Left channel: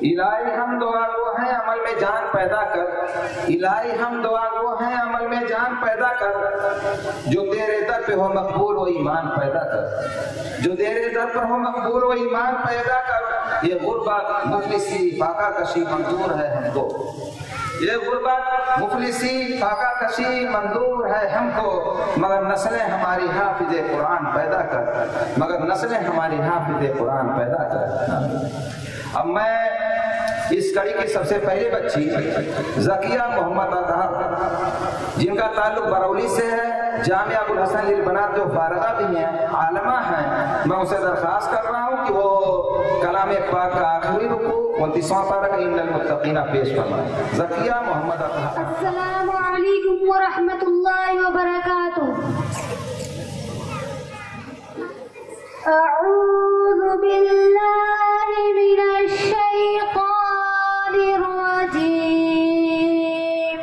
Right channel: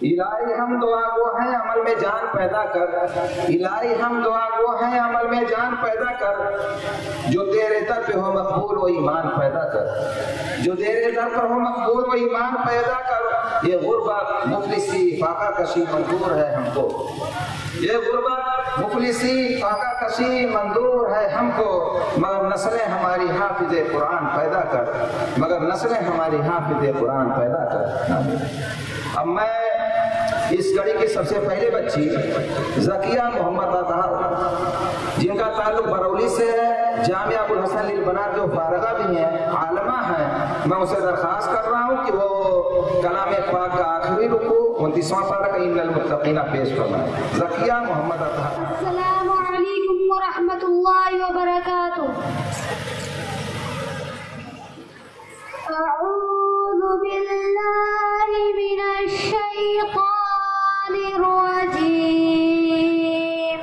इलाही हम दुआ वो हैं अमल में जान पैदा कर, इलाही हम दुआ वो हैं अमल में जान पैदा कर, जो तेरे दर पे हो मकबूल वो ईमान पैदा कर, जो तेरे दर पर हो मकबूल वो ईमान पैदा कर। ये गुर्बत मुफलिसी फाका कशी मंजूर है हमको, ये गुर्बत मुफलिसी फाका कशी मंजूर है हमको, मगर नस्लें हमारी हाफिज़े कुरान पैदा कर, मगर नस्लें हमारी हाफिज़े कुरान पैदा कर। अब मैं इस कड़ी की सबसे पहले बच्ची ज़किया मोहम्मद अतहर, जिनका ताल्लुक बरौली से है, जामिया अबुल हसन लिल बनात जो फारगा भी हैं, आलमा हैं, मैं उसे दरख्वास्त कर रहा हूँ कि वो कलाम पाक का आखिरी रुकू 29वां पारा इन्नल मुत्तकीना पेश फरमाएं। ज़किया मोहम्मद अतहर। अस्सलामु अलैकुम व रहमतुल्लाहि व बरकातुहू। अऊज़ु बिल्लाहि मिनश शैतानिर रजीम।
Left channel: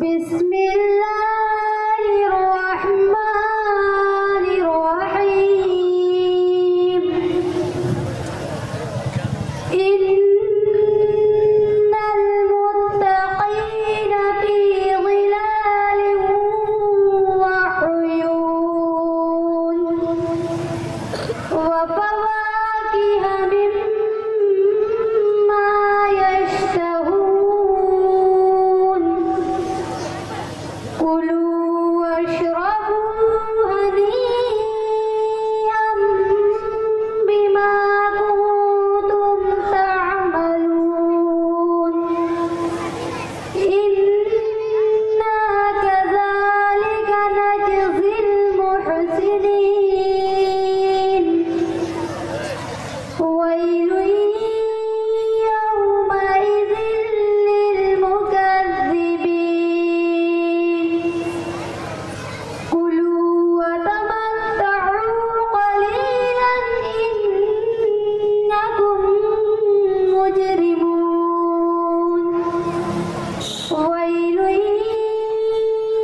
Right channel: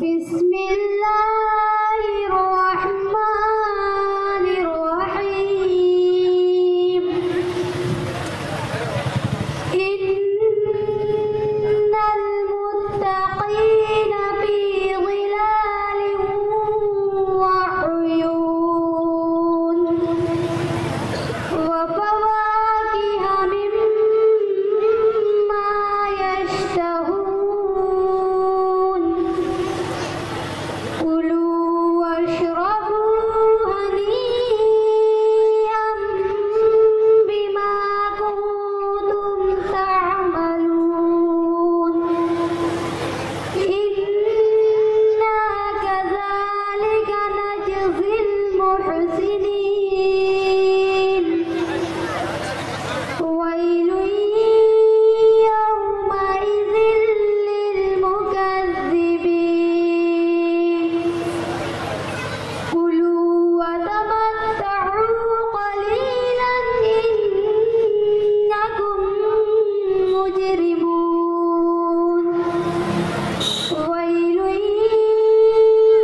बिस्मिल्लाहिर रहमानिर रहीम। इन्नल मुत्तक़ीना फी ज़िलालिन व उयून व फवाकिह मिम्मा यश्तहून। कुलू वश्रबू हनीअन बिमा कुंतुम तअमलून। इन्ना कज़ालिका नजज़िल मुहसिनीन। वैलुन यौमइज़िन लिलमुकज़्ज़िबीन। कुलू वतमत्तऊ क़लीलन इन्नकुम मुजरिमून। वैलुन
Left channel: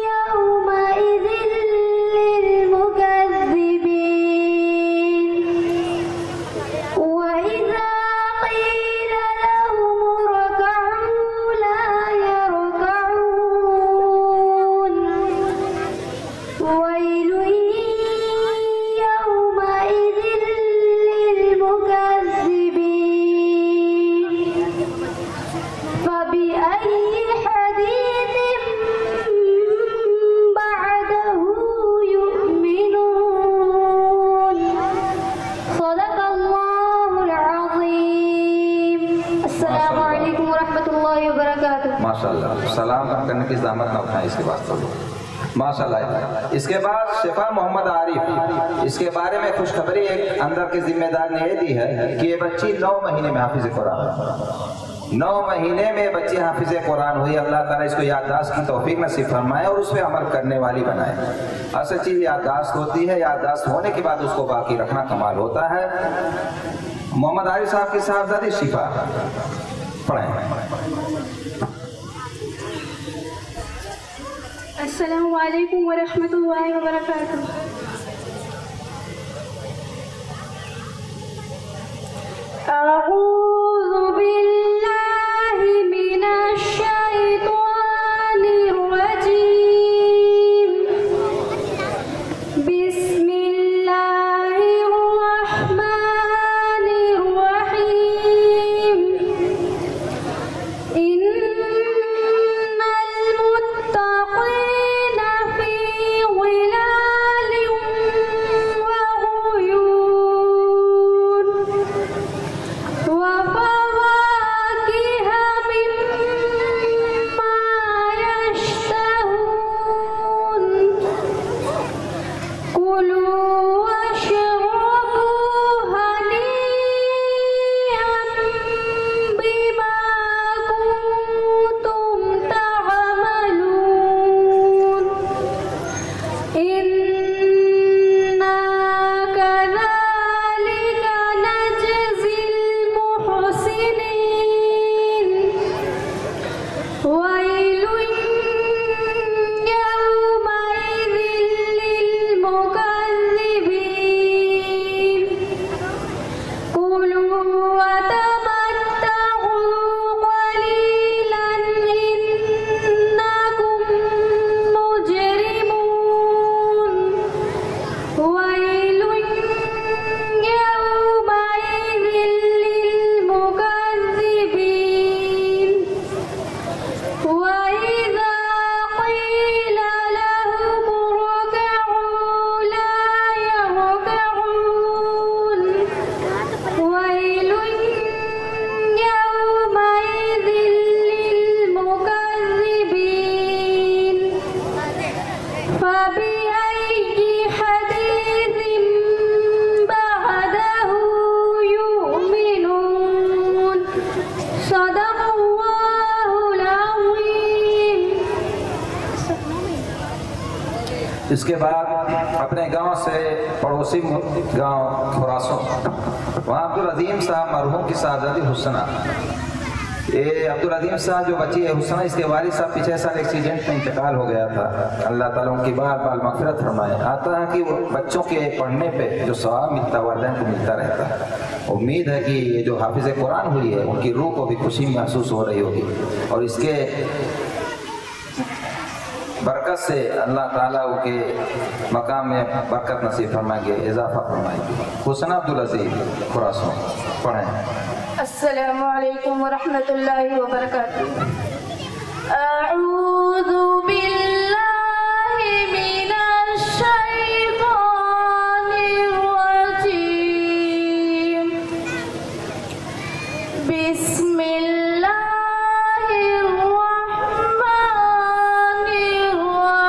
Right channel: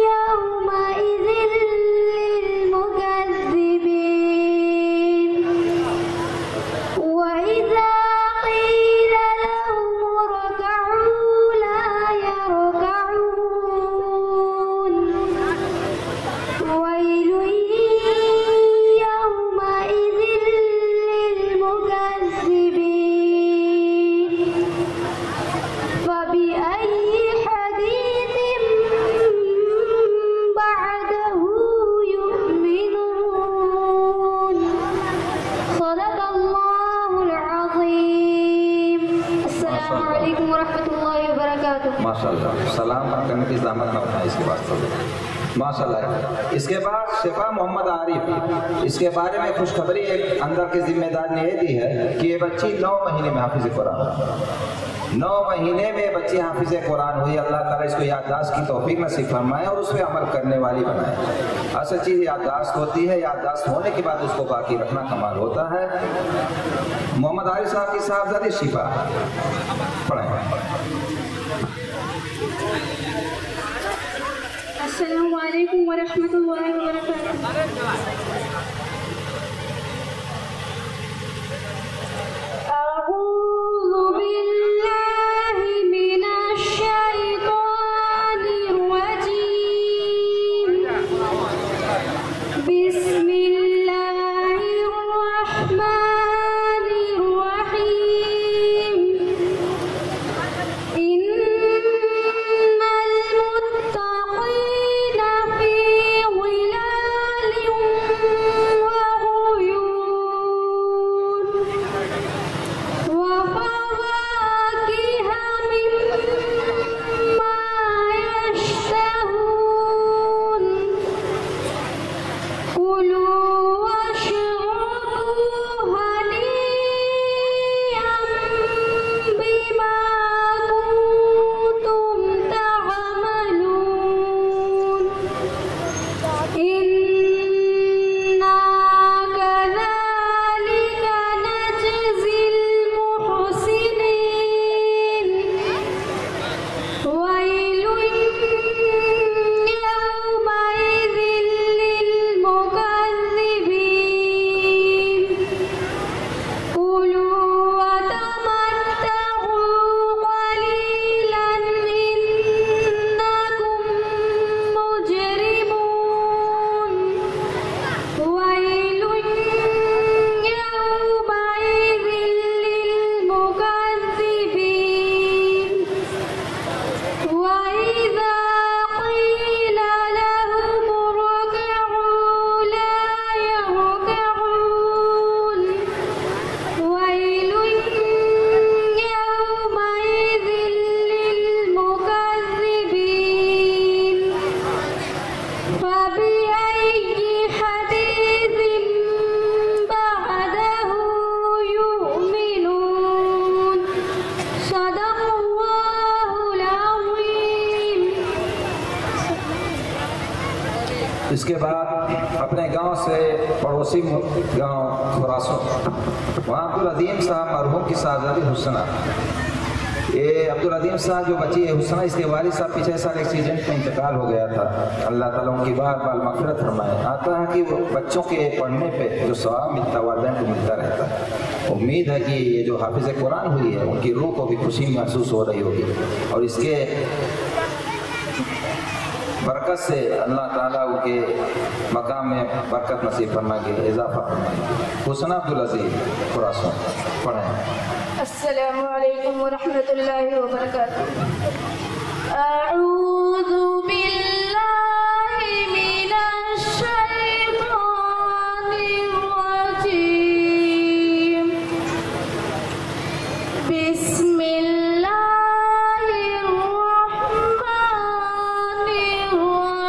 यौमइज़िन लिलमुकज़्ज़िबीन। वइज़ा क़ील लहुम इरकअू ला यरकअून। वैलुन यौमइज़िन लिलमुकज़्ज़िबीन। फबिअय्यि हदीसिन बअदहु यु'मिनून। सदक़ल्लाहुल अज़ीम। अस्सलामु अलैकुम व रहमतुल्लाहि व बरकातुहू। माशाल्लाह, सलाम करने की ज़हमत न उठाएं इसके वास्ते। माशाल्लाह। इसके बाद शिफा मोहम्मद आरिफ, इसके बारे में खुशखबरी एक अंदर के जिम्मेदार ने ये दी है कि ये बच्ची 9 महीने में हाफिज़ कुरान, 9 महीने में बच्ची हाफिज़ कुरान हुई। अल्लाह ताला इसको याददाश्त की तौफीक नसीब फरमाए और उस पर अमल करने वाली बनाए। असल चीज़ याददाश्त होती है, याददाश्त होने के बाद उसको बाकी रखना कमाल होता है। मोहम्मद आरिफ साहब की साहबजादी शिफा पढ़ें। अस्सलामु अलैकुम व रहमतुल्लाहि व बरकातुहू। अऊज़ु बिल्लाहि मिनश शैतानिर रजीम। बिस्मिल्लाहिर रहमानिर रहीम। इन्नल मुत्तक़ीना फी ज़िलालिन इसके बाद अपने गांव से पड़ोसी गांव खुरासों, वहाँ अब्दुल अजीम साहब मरहूम की साहबजादी हुस्ना, ये अब्दुल अजीम साहब जो बच्ची है हुस्ना, इसके वालिद साहब पिछले साल एक्सीडेंट में इंतकाल हो गया था। अल्लाह ताला उनकी बार बार मग़फ़िरत फरमाए। आता है कि वो बच्चों के पढ़ने पे जो सवाब मिलता वालिदैन को मिलता रहता है। उम्मीद है कि ये जो हाफिज़ कुरान हुई है उनकी रूह को भी खुशी महसूस हो रही होगी और इसके बरकत से अल्लाह ताला उनके मकाम में बरकत नसीब फरमाएंगे, इजाफा फरमाएंगे। हुस्ना अब्दुल अजीज खुरासों पढ़ें। अस्सलामु अलैकुम व रहमतुल्लाहि व बरकातुहू। अऊज़ु बिल्लाहि मिनश शैतानिर रजीम। बिस्मिल्लाहिर रहमानिर रहीम।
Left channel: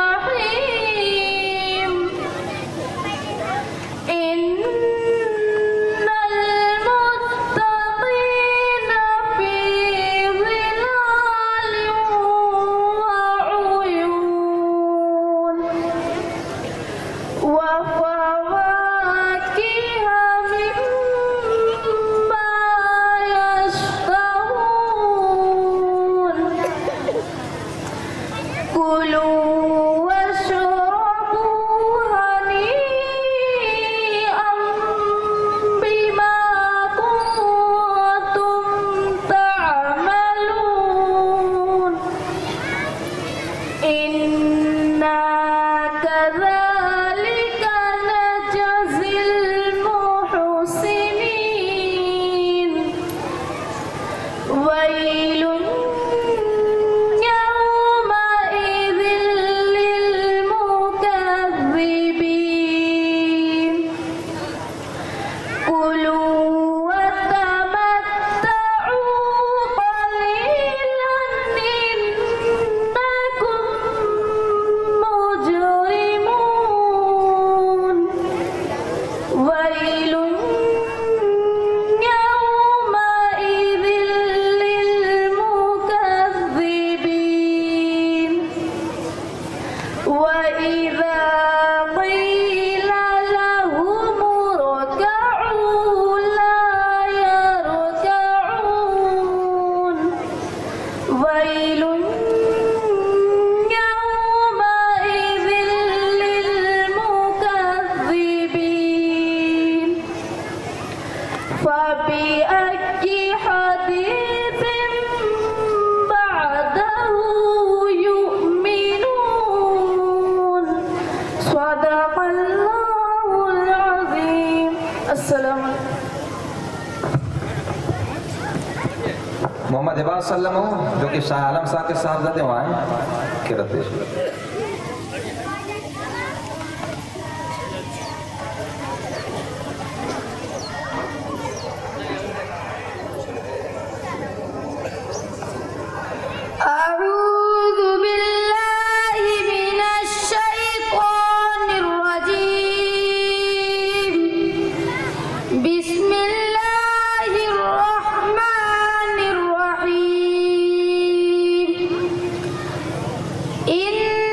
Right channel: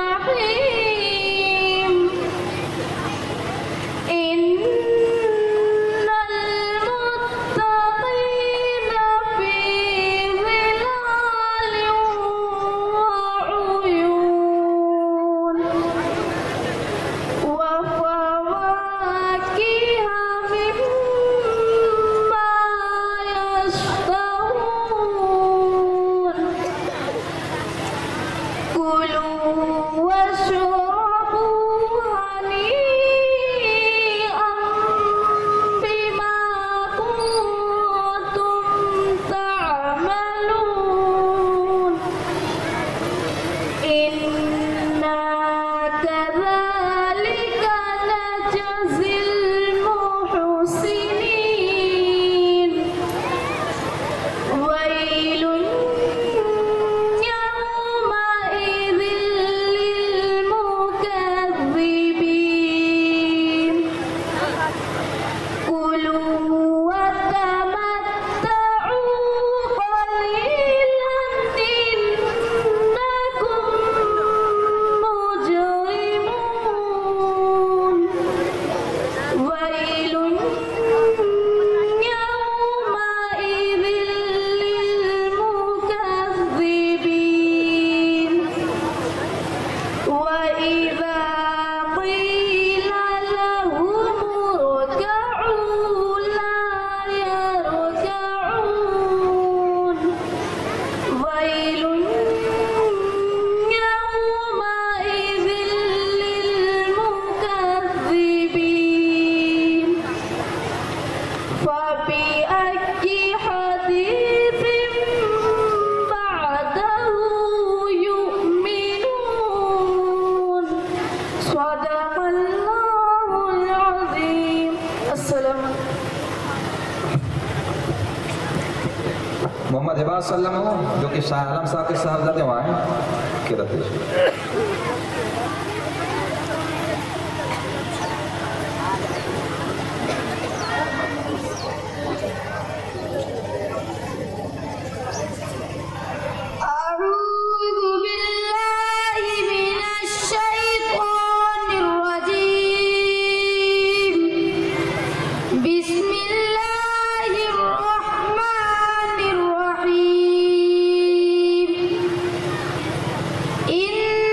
मोहम्मद इबाद सल्लम जो कि शाह आलम साहब के साहबजादे वहाँ हैं किरत। إن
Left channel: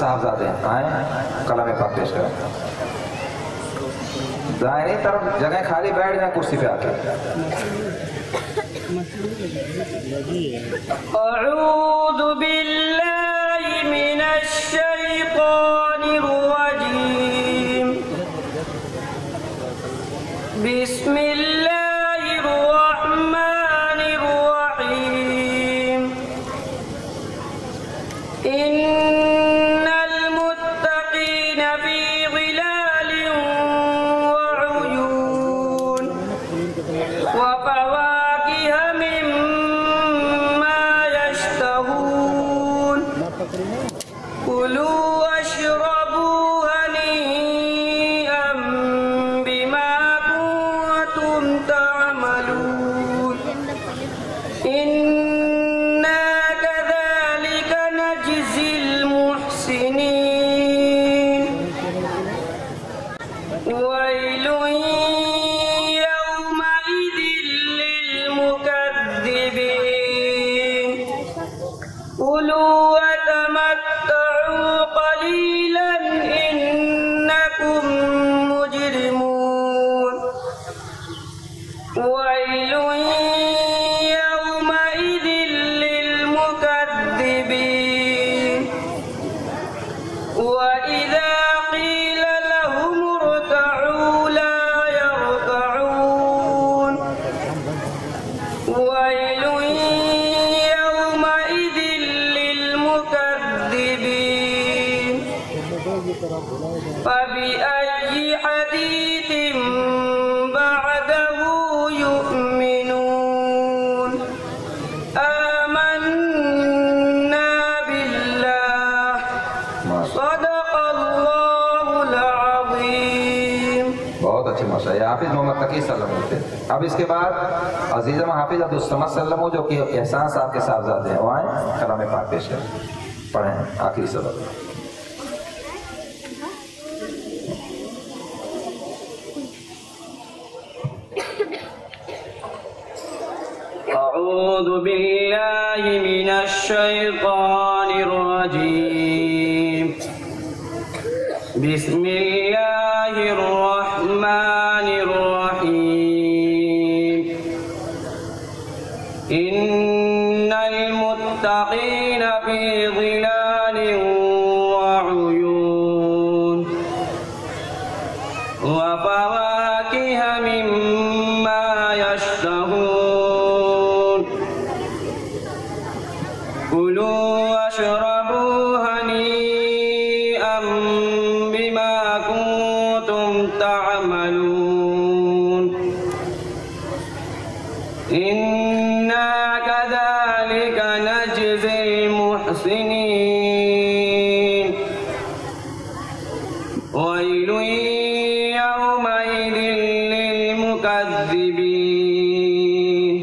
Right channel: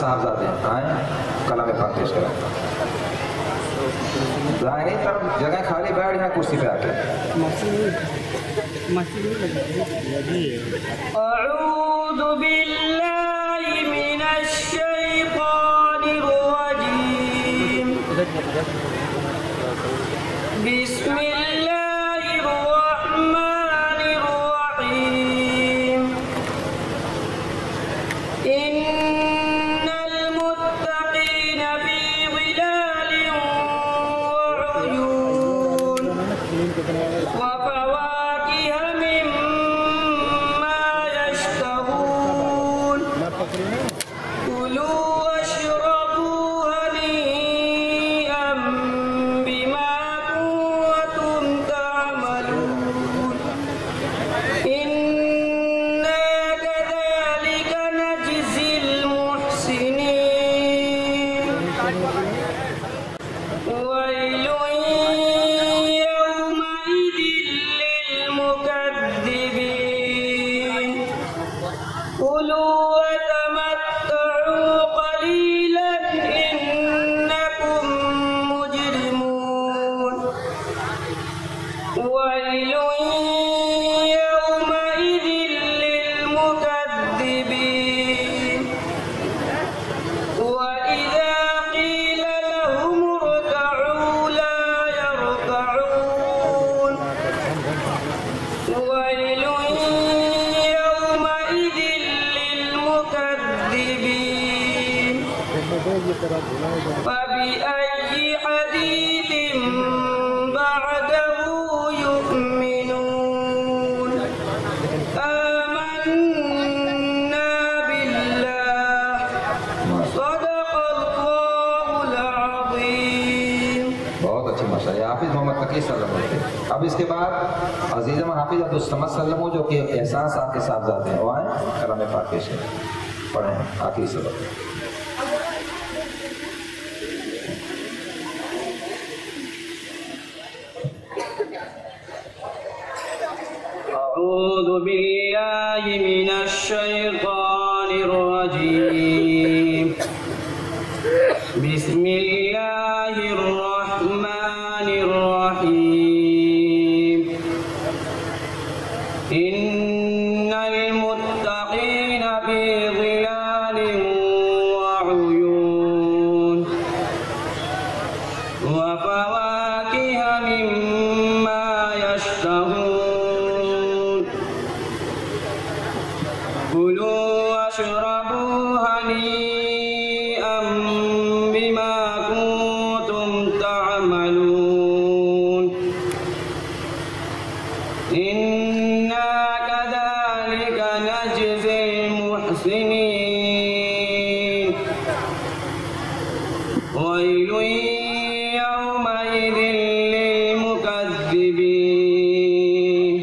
साहबजादे आए कलाम पाक पेश करें। दाहिनी तरफ जगह खाली बैठ जाए कुर्सी पे आके। अऊज़ु बिल्लाहि मिनश शैतानिर रजीम। बिस्मिल्लाहिर रहमानिर रहीम। इन्नल मुत्तक़ीना फी ज़िलालिन व उयून व फवाकिह मिम्मा यश्तहून। कुलू वश्रबू हनीअम बिमा कुंतुम तअमलून। इन्ना कज़ालिका नजज़िल मुहसिनीन। वैलुन यौमइज़िन लिलमुकज़्ज़िबीन। कुलू वतमत्तऊ क़लीलन इन्नकुम मुजरिमून। वैलुन यौमइज़िन लिलमुकज़्ज़िबीन। वइज़ा क़ील लहुम इरकअू ला यरकअून। वैलुन यौमइज़िन लिलमुकज़्ज़िबीन। फबिअय्यि हदीथिन बअदहु यु'मिनून। आमन्ना बिल्लाह। सदक़ल्लाहुल अज़ीम। बहुत अच्छे माशाअल्लाह। हाफिज मोहम्मद तकी सल्लम होते। अब इसके बाद अजीज़म हाफिज अब्दुल समद सल्लम हो जो कि एहसान साहब के साहबजादे हैं, वो आए कलाम पाक पेश करें। पढ़ें आखिरी सबक। أعوذ بالله من الشيطان الرجيم. بسم الله الرحمن الرحيم. إن المتقين في ظلال وعيون وفواكه مما يشتهون. كلوا واشربوا هنيئا بما كنتم تعملون. إنا كذلك نجزي المحسنين. ويل يومئذ للمكذبين.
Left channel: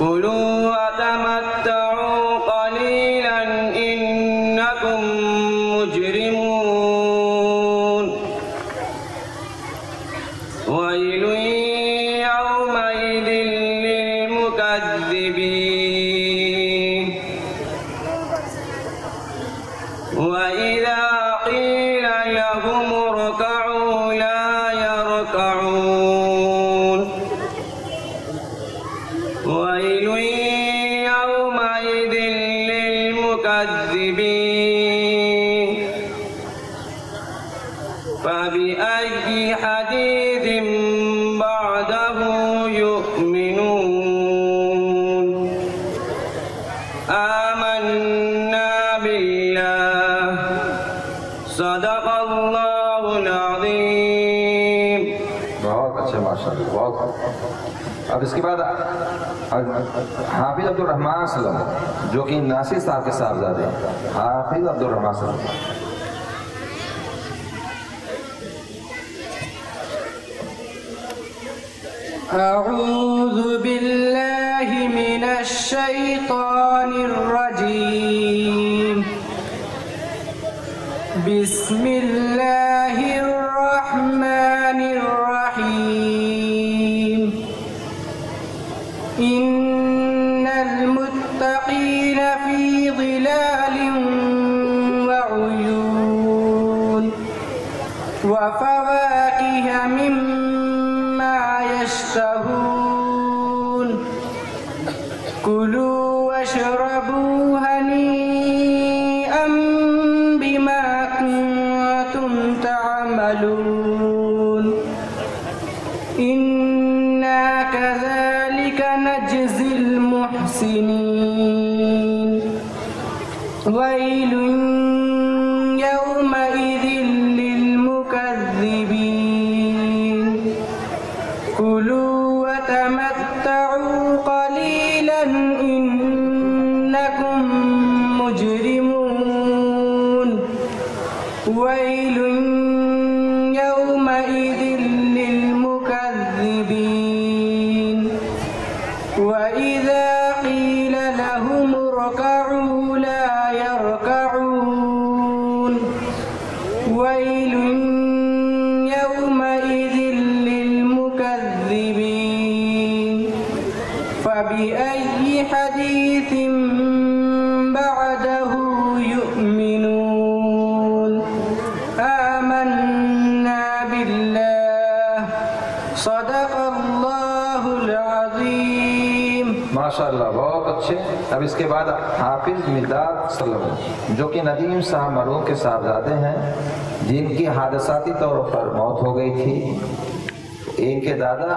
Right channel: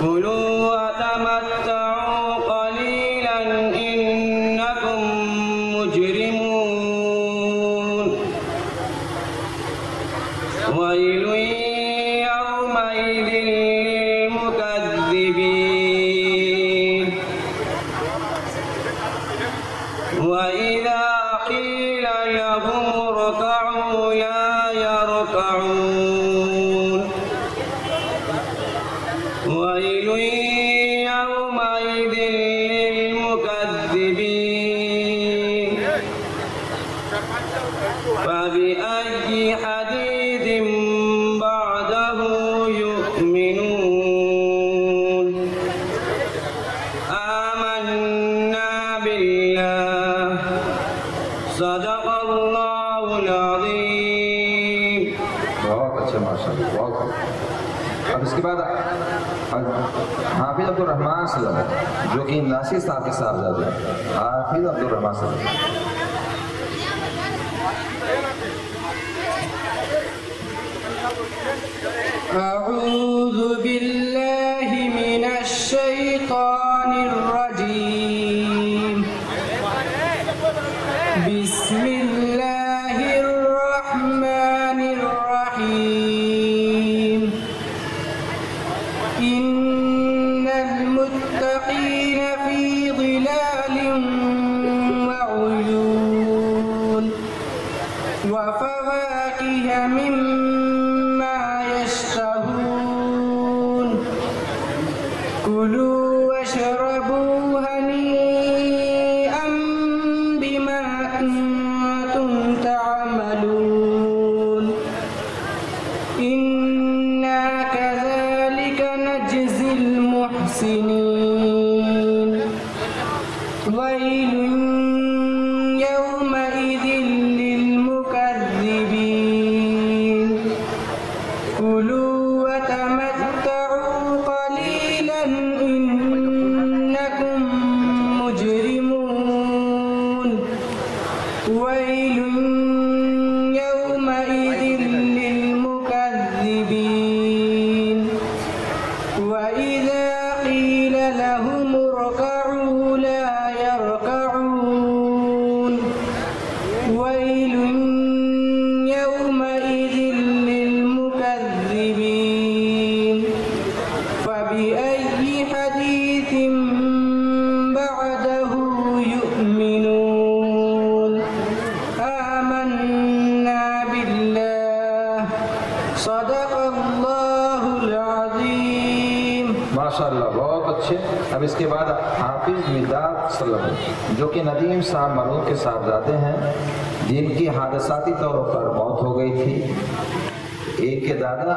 كلوا وتمتعوا قليلا إنكم مجرمون. ويل يومئذ للمكذبين. وإذا قيل لهم اركعوا لا يركعون. ويل يومئذ للمكذبين. فبأي حديث بعده يؤمنون. آمنا بالله. صدق الله العظيم. बहुत अच्छे माशाअल्लाह, बहुत। अब इसके बाद हाफिज अब्दुल रहमान सल्लम जो कि नासिर साहब के साहबजादे हैं। हाफिज अब्दुल रहमान सल्लम। أعوذ بالله من الشيطان الرجيم. بسم الله الرحمن الرحيم. إن المتقين في ظلال ويل يومئذ للمكذبين وإذا قيل لهم اركعوا لا يركعون ويل يومئذ للمكذبين فبأي حديث بعده يؤمنون آمنا بالله صدق الله العظيم माशाअल्लाह, बहुत अच्छे। अब इसके बाद हाफिज मिदाद सल्लम, जो कि नदीम साहब मरूद के साहबजादे हैं, जिनकी हादसाती तौर पर मौत हो गई थी। एक के दादा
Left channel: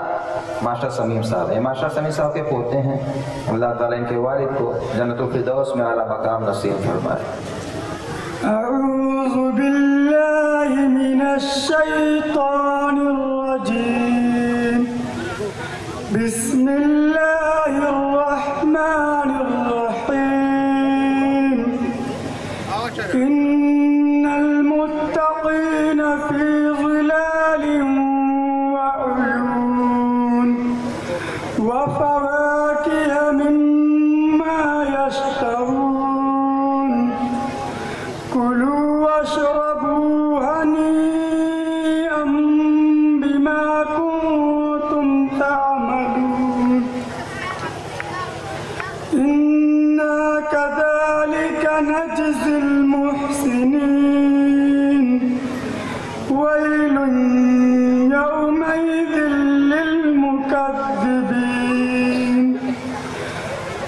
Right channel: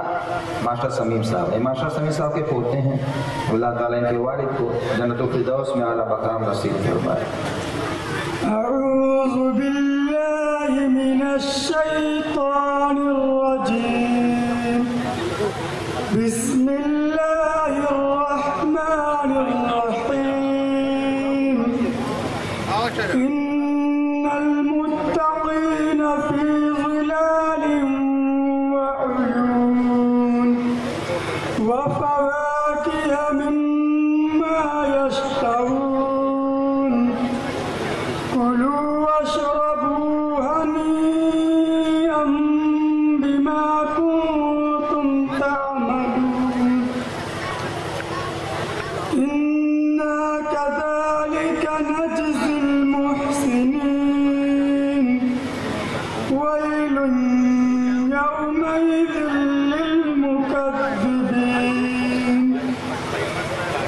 मास्टर समीम साहब हैं, मास्टर समीम साहब के पोते हैं। अल्लाह ताला इनके वालिद को जन्नतुल फिरदौस में आला मकाम नसीब फरमाए। أعوذ بالله من الشيطان الرجيم بسم الله الرحمن الرحيم إن المتقين في ظلال وعيون وفواكه مما يشتهون كلوا واشربوا هنيئا بما كنتم تعملون إنا كذلك نجزي المحسنين ويل يومئذ للمكذبين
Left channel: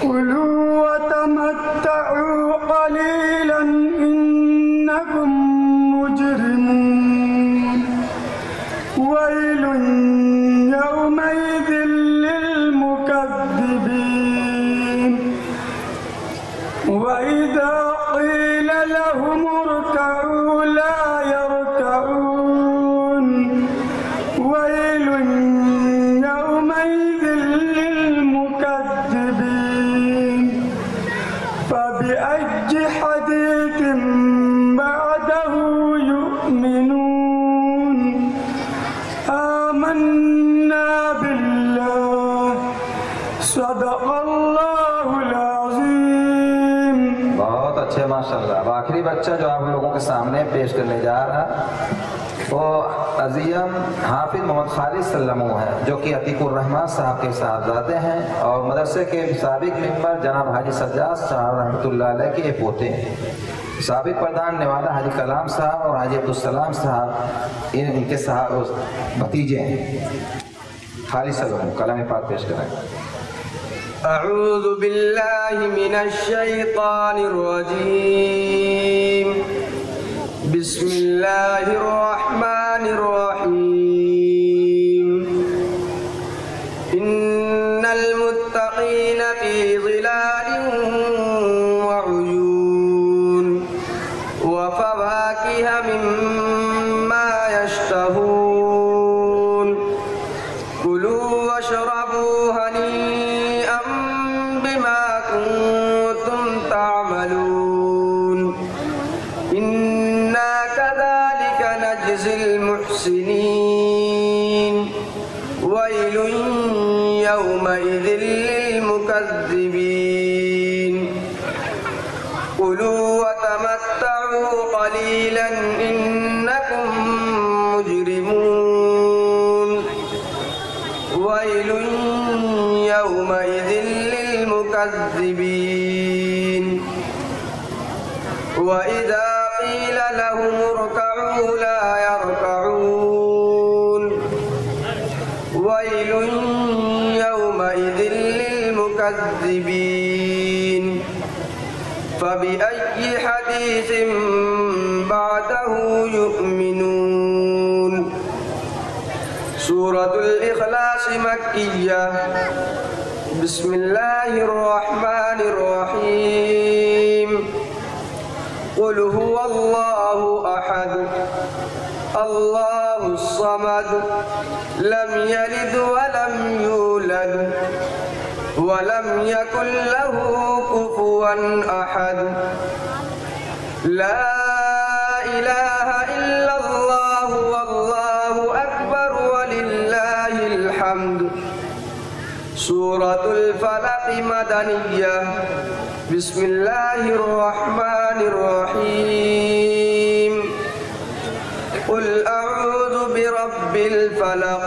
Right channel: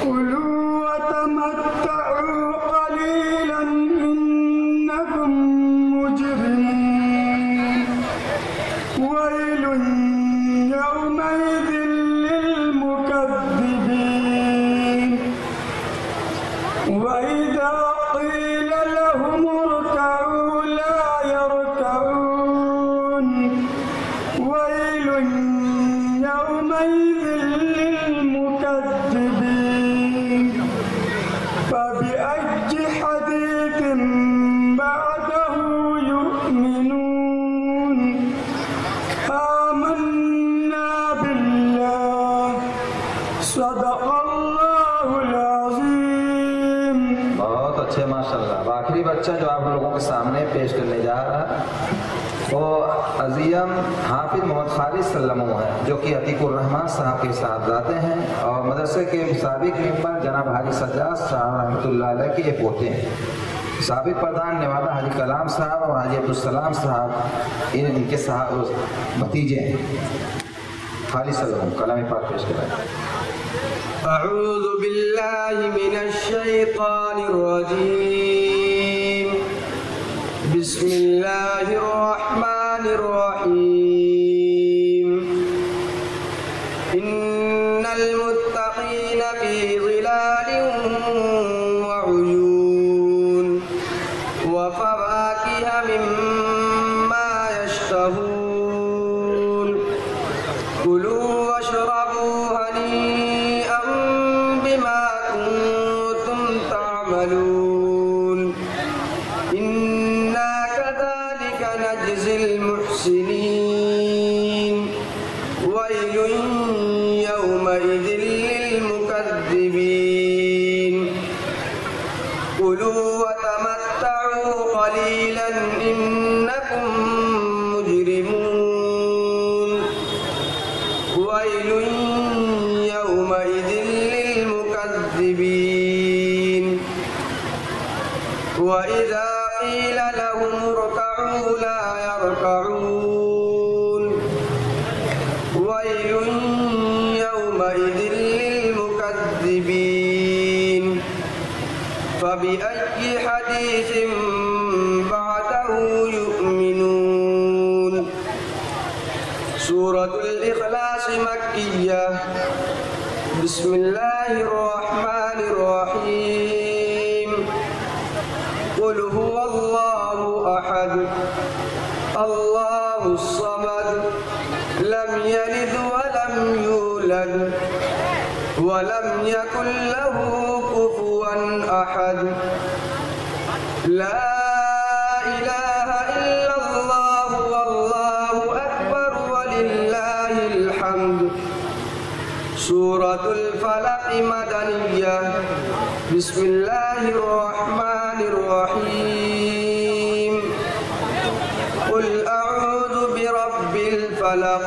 كلوا وتمتعوا قليلا إنكم مجرمون ويل يومئذ للمكذبين وإذا قيل لهم اركعوا لا يركعون ويل يومئذ للمكذبين فبأي حديث بعده يؤمنون آمنا بالله صدق الله العظيم बहुत अच्छे माशाअल्लाह। अब आखिरी बच्चा जो आप लोगों के सामने पेश करने जा रहा वो अजीम हाफिज मोहम्मद खालिद सल्लमू है, जो कि अतीकुर रहमान साहब के साहबजादे हैं और मदरसे के साबिक मेंबर जनाब हाजी सज्जाद साहब रहमतुल्लाह अलैह के पोते हैं। साबिक प्रधान नेवादा हाजी कलाम साहब और हाजी अब्दुल सलाम साहब इनके साहब भतीजे हैं। खालिद सल्लमू कलाम पाक पेश कराएं। أعوذ بالله من الشيطان الرجيم بسم الله الرحمن الرحيم إن المتقين في ظلال وعيون وفواكه مما يشتهون كلوا واشربوا هنيئا بما كنتم تعملون إنا كذلك نجزي المحسنين ويل يومئذ للمكذبين كلوا وتمتعوا قليلا إنكم مجرمون ويل يومئذ للمكذبين وإذا قيل لهم اركعوا لا يركعون ويل يومئذ للمكذبين فبأي حديث بعده يؤمنون سورة الإخلاص مكية بسم الله الرحمن الرحيم قل هو الله أحد الله الصمد لم يلد ولم يولد ولم يكن له كفوا أحد لا إله बिस्मिल्लाहिर रहमानिर रहीम कुल अऊज़ु बिरब्बिल फलक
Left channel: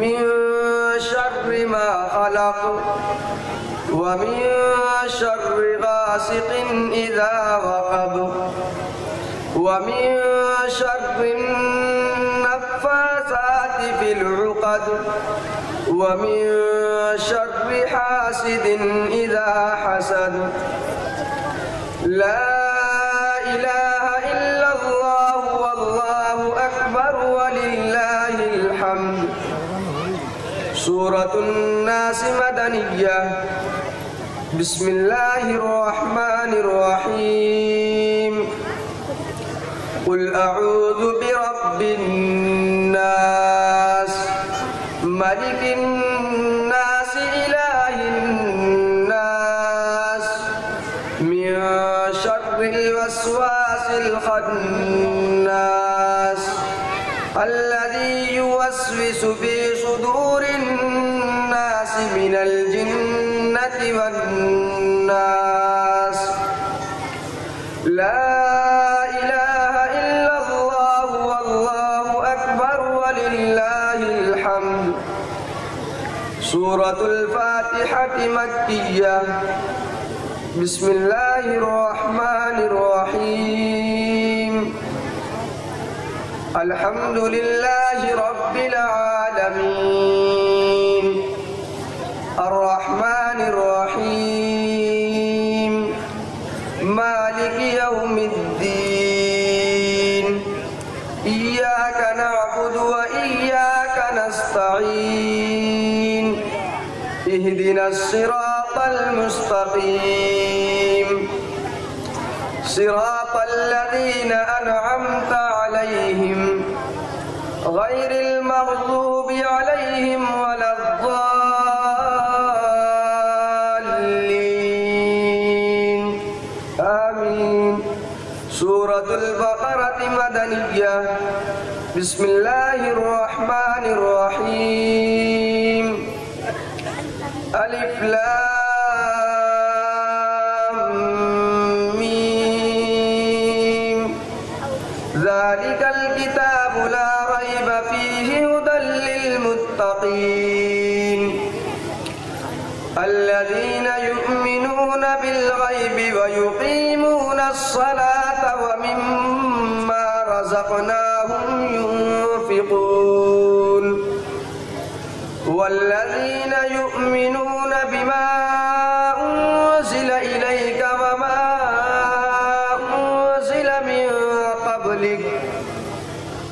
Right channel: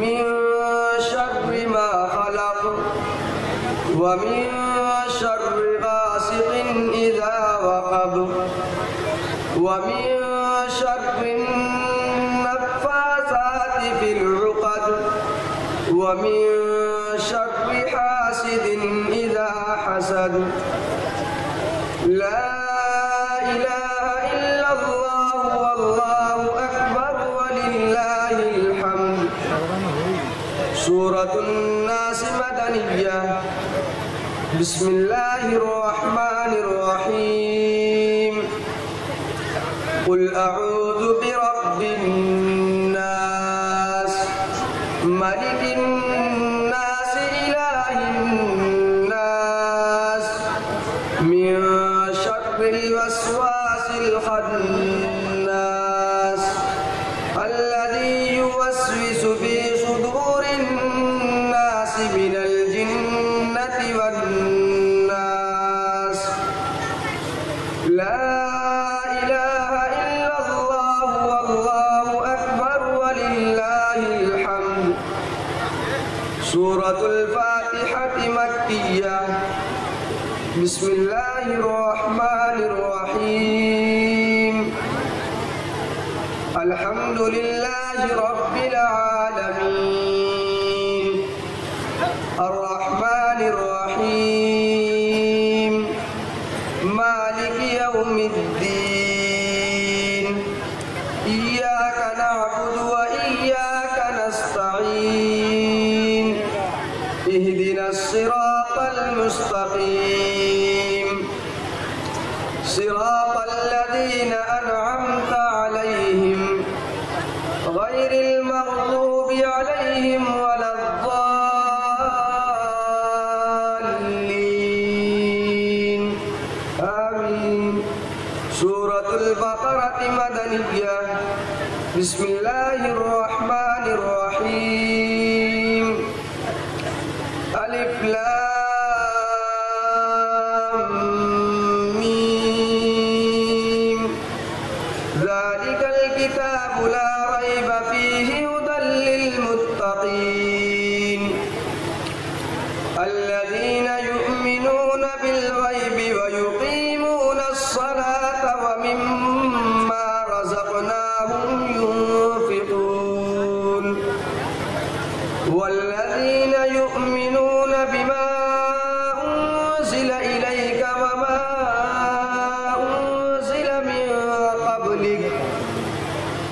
मिन शर्रि मा खलक व मिन शर्रि गासिकिन इज़ा वक़ब व मिन शर्रि नफ़्फ़ासाति फिल उक़द व मिन शर्रि हासिदिन इज़ा हसद ला इलाहा इल्लल्लाह वल्लाहु अकबर वलिल्लाहिल हम्द। सूरतुन नास मदनिय्यह। बिस्मिल्लाहिर रहमानिर रहीम कुल अऊज़ु बिरब्बिन नास मलिकिन नास इलाहिन नास मिन शर्रिल वस्वासिल खन्नास अल्लज़ी युवस्विसु फी सुदूरिन नास मिनल जिन्नति वन नास। ला इलाहा इल्लल्लाह वल्लाहु अकबर वलिल्लाहिल हम्द। सूरतुल फातिहति मक्किय्यह। बिस्मिल्लाहिर रहमानिर रहीम अल्हम्दुलिल्लाहि रब्बिल आलमीन अर्रहमानिर रहीम मालिकि यौमिद्दीन इय्याका नअबुदु व इय्याका नस्तईन इहदिनस सिरातल मुस्तकीम सिरातल लज़ीना अनअमता अलैहिम गैरिल मग़दूबि अलैहिम वलद्दाल्लीन आमीन। सूरतुल बक़रह मदनिय्यह। बिस्मिल्लाहिर रहमानिर रहीम अलिफ लाम मीम ज़ालिकल किताबु ला रैब फीहि हुदल लिल मुत्तक़ीन अल्लज़ीना युमिनूना बिल गैबि व युक़ीमूनस सलाता व मिम्मा रज़क़नाहुम युनफ़िक़ून वल्लज़ीना युमिनूना बिमा उन्ज़िल इलैक व मा उन्ज़िल मिन क़ब्लिक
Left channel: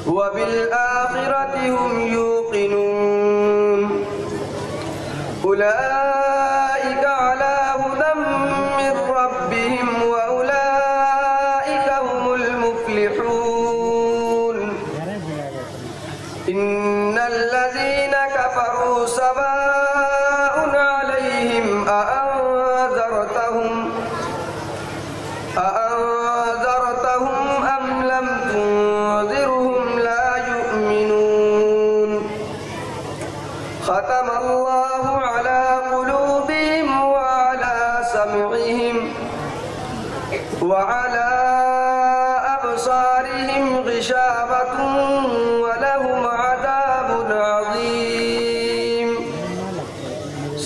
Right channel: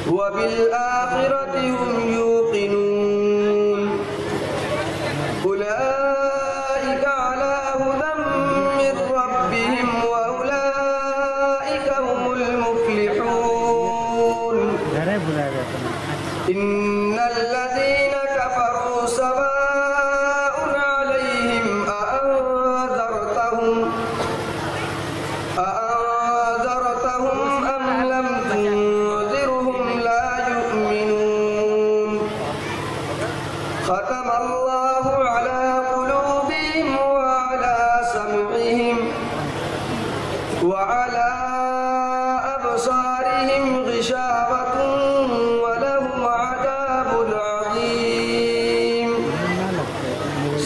व बिल आखिरति हुम यूक़िनून उलाइका अला हुदम मिर रब्बिहिम व उलाइका हुमुल मुफ़्लिहून। इन्नल लज़ीना कफ़रू सवाउन अलैहिम अअंज़रतहुम अम लम तुंज़िरहुम ला युमिनून। ख़तमल्लाहु अला क़ुलूबिहिम व अला समइहिम व अला अबसारिहिम ग़िशावतुन व लहुम अज़ाबुन अज़ीम।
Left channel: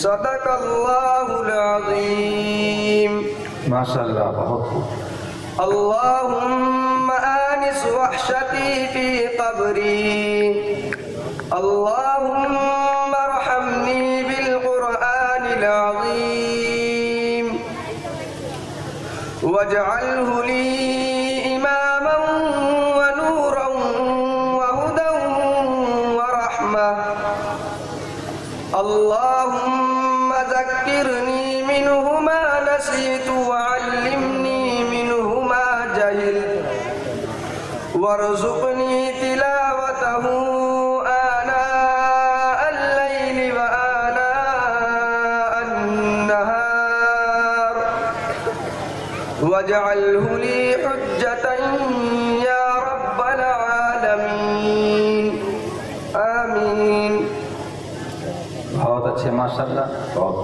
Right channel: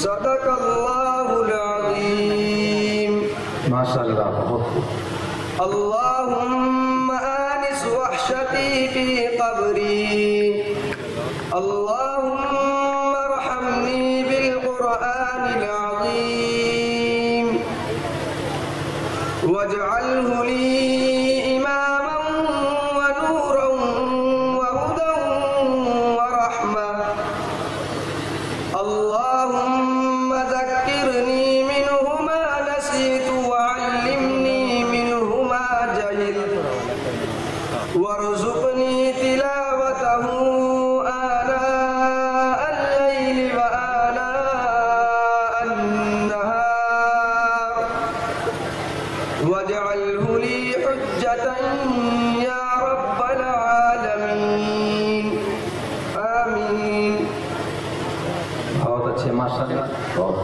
सदक़ल्लाहुल अज़ीम। माशाअल्लाह, बहुत खूब। अल्लाहुम्मा आनिस वहशती फी क़ब्री अल्लाहुम्मा अर्हमनी बिल क़ुरआनिल अज़ीम वजअल्हु ली इमामन व नूरन व हुदन व रहमह। अल्लाहुम्मा ज़क्किरनी मिन्हु मा नसीतु व अल्लिमनी मिन्हु मा जहिलतु वरज़ुक़नी तिलावतहु आनाअल लैलि व आनाअन नहार वजअल्हु ली हुज्जतन या रब्बल आलमीन आमीन। बहुत अच्छे, माशाअल्लाह, बहुत